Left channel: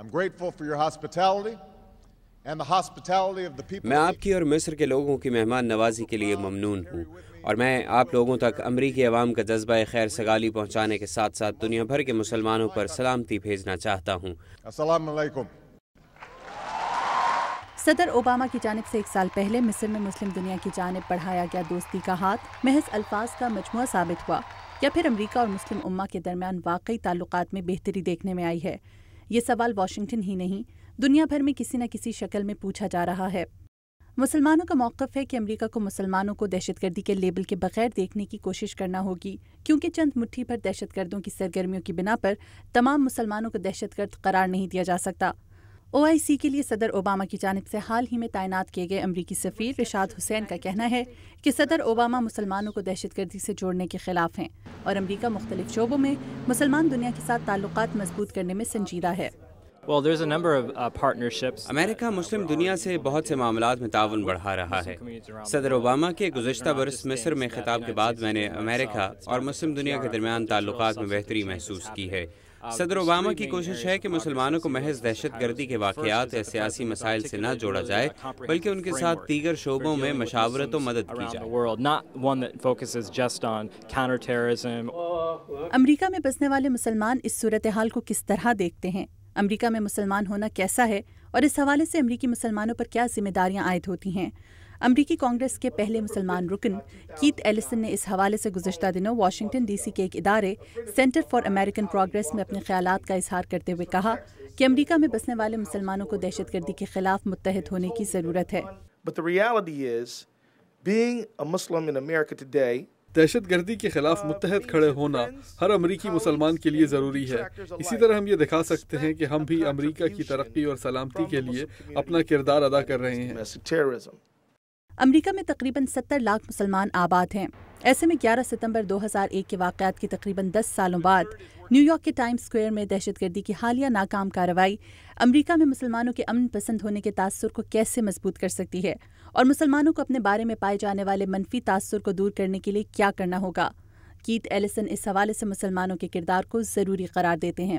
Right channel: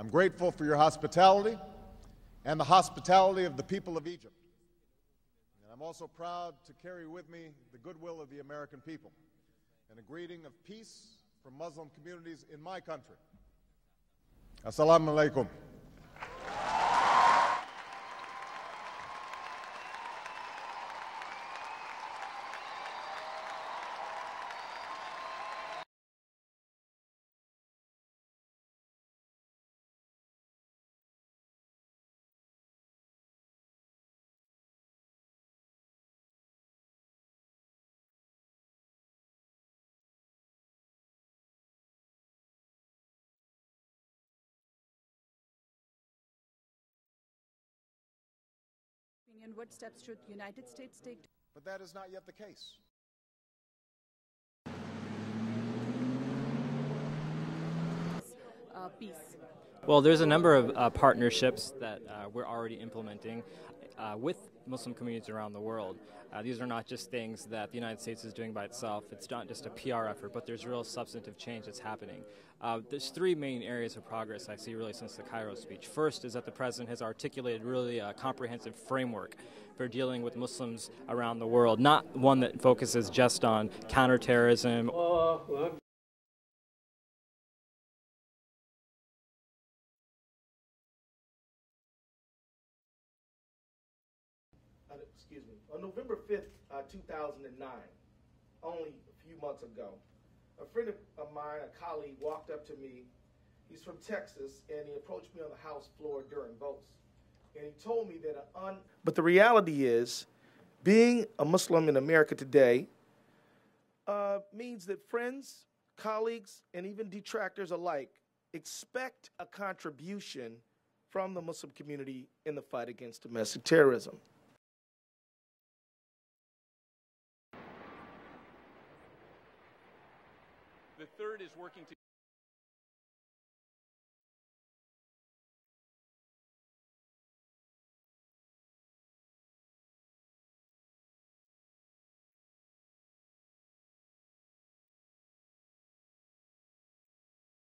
I'm grateful for your hospitality and the hospitality of the people. میں آپ کی اور مصر کے لوگوں کی مہمان نوازی کے لیے ممنون ہوں، اور میں آپ لوگوں تک امریکی عوام کا جذبہ خیر سگالی پہنچانے کے ساتھ ساتھ دنیا بھر کے مسلمانوں پر سلامتی بھیجنا چاہتا ہوں۔ السلام علیکم۔ صدر اوباما کی جانب سے 1 سال پہلے مصر میں مسلم دنیا کی جانب بڑھایا گیا دوستی کا ہاتھ محض الفاظ کا مجموعہ ثابت ہوا، یا پھر امریکہ اور مسلم امہ کے درمیان واقعی تعلقات میں بہتری دیکھنے میں آئی ہے؟ یہ سوال واشنگٹن ہی نہیں، دنیا بھر میں کسی نہ کسی شکل میں پوچھا جا رہا ہے۔ مسلمانوں کا موقف ہے کہ امریکہ کو مسلمانوں کو دہشت گردی کے لیبل کے بغیر دیکھنے کی کوشش کرنا ہوگی، کیونکہ چند مٹھی پر دہشت گردوں کی سرگرمیوں کی بنا پر تمام مسلمانوں کو دہشت گرد قرار نہیں دیا جا سکتا۔ OIC کے لیے صدر اوباما کی جانب سے حال ہی میں تعینات کیے گئے امریکی سفیر رشاد حسین کا کہنا ہے کہ صدر اوباما مسلمانوں کو دہشت گردی سے جوڑنے کے خلاف ہیں، اور امریکہ مختلف شعبوں میں مسلمان دنیا کے ساتھ تعلقات مضبوط کرنے میں سنجیدہ ہے۔ Well, there's a number of partnerships. امریکہ مسلم دنیا سے بہت سے معاملات میں تعاون بڑھا رہا ہے۔ صدر اوباما کے گزشتہ برس مصر میں خطاب کے بعد میں نے امریکہ اور مسلم دنیا کے درمیان تعلقات میں بہتری محسوس کی ہے۔ صدر اوباما کی کوشش ہے کہ مسلمانوں کو محض دہشت گردی کے واقعات یا سیاسی مسائل سے نہ جوڑا جائے، بلکہ ان کے ساتھ دیگر شعبوں میں مشاورت و مدد کی جائے۔ امریکہ میں بسنے والے مسلمان اس صورتحال کو کس طرح دیکھتے ہیں؟ امریکہ میں مسلمان ہونا کیسا ہے، اور اس حوالے سے امریکی مسلمانوں پر کیا ذمہ داریاں عائد ہوتی ہیں؟ امریکی کانگریس کے پہلے مسلمان رکن کیت ایلسن نے اس حوالے سے گزشتہ دنوں واشنگٹن ڈی سی کے ایک ادارے سینٹر فار امریکن پروگریس میں اپنے خیالات کا اظہار کرتے ہوئے کہا کہ امریکہ میں بسنے والے مسلمانوں کو دہشت گردی کے خلاف متحد ہونے کی ضرورت ہے۔ But the reality is, being a Muslim in America today, دہشت گردی کے خلاف متحد کھڑے ہونا ہر امریکی مسلمان کے لیے ضروری ہے۔ اسی طرح ہم یہ دکھا سکتے ہیں کہ ہم بھی امریکہ کی ترقی اور سلامتی کے لیے اپنا کردار ادا کر رہے ہیں۔ امریکہ میں تقریباً 70 لاکھ مسلمان آباد ہیں۔ ایسے میں 11 ستمبر 2001 کے واقعات کے تقریباً 10 سالوں بعد نیو یارک کے ٹائمز اسکوائر میں دہشت گردی کی حالیہ ناکام کارروائی امریکہ میں مسلمانوں کے امن پسند ہونے کے تاثر کو کیسے مضبوط کر سکتی ہے، اور مسلمانوں کو اپنے بارے میں پائے جانے والے منفی تاثر کو دور کرنے کے لیے کیا کرنا ہوگا؟ کیت ایلسن اس حوالے سے مسلمانوں کے کردار کو ضروری قرار دیتے ہیں۔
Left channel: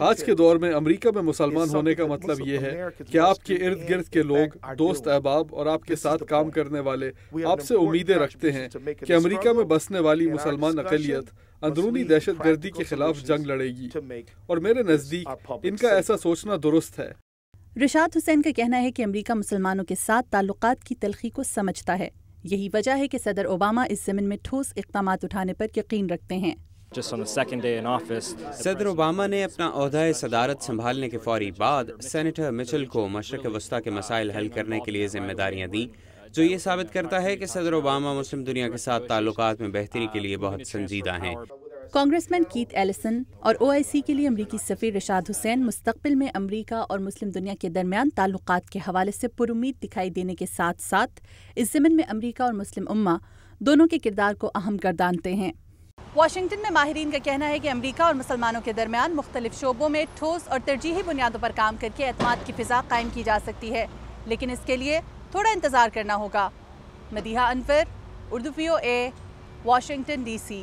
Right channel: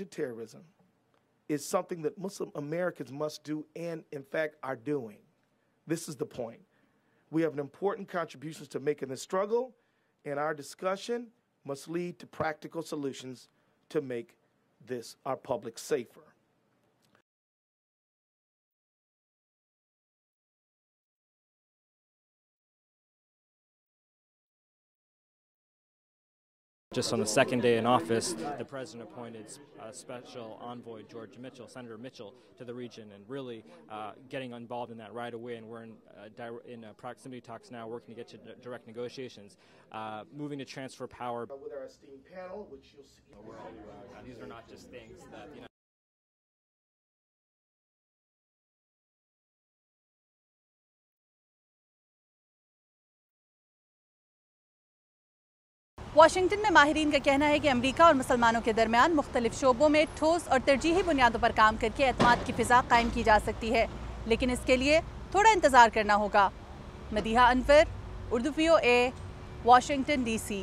آج کے دور میں امریکہ میں مسلمان ہونے کا مطلب یہ ہے کہ آپ کے ارد گرد کے لوگ، دوست احباب اور آپ کے ساتھ کام کرنے والے آپ سے امیدیں رکھتے ہیں کہ امریکہ میں بسنے والی مسلمان اقلیت اندرونی دہشت گردی کے خلاف جنگ لڑے گی، اور میرے نزدیک ان کا ایسا سوچنا درست ہے۔ رشاد حسین کا کہنا ہے کہ امریکہ مسلمانوں کے ساتھ تعلقات کی تلخی کو سمجھتا ہے، یہی وجہ ہے کہ صدر اوباما اس ضمن میں ٹھوس اقدامات اٹھانے پر یقین رکھتے ہیں۔ صدر اوباما نے اپنا عہدہ صدارت سنبھالنے کے فوری بعد سینیٹر مچل کو مشرق وسطیٰ کے مسائل حل کرنے کے لیے ذمہ داریاں دیں، جو یہ ثابت کرتا ہے کہ صدر اوباما مسلم دنیا کے ساتھ تعلقات میں بہتری کے لیے بہت سنجیدہ ہیں۔ کانگریس مین کیت ایلسن اور OIC کے لیے امریکی سفیر رشاد حسین مستقبل میں امریکہ اور مسلم دنیا کے درمیان تعلقات کے حوالے سے پرامید دکھائی دینے کے ساتھ ساتھ اس ضمن میں امریکہ اور مسلم امہ دونوں کے کردار کو اہم گردانتے ہیں۔ واشنگٹن میں ماہرین کا کہنا ہے کہ امریکہ اور مسلمانوں کے درمیان مختلف شعبوں میں ٹھوس اور ترجیحی بنیادوں پر کام کر کے اعتماد کی فضا قائم کی جا سکتی ہے، لیکن اس کے لیے تھوڑا انتظار کرنا ہوگا۔ مدیحہ انور، اردو VOA، واشنگٹن DC۔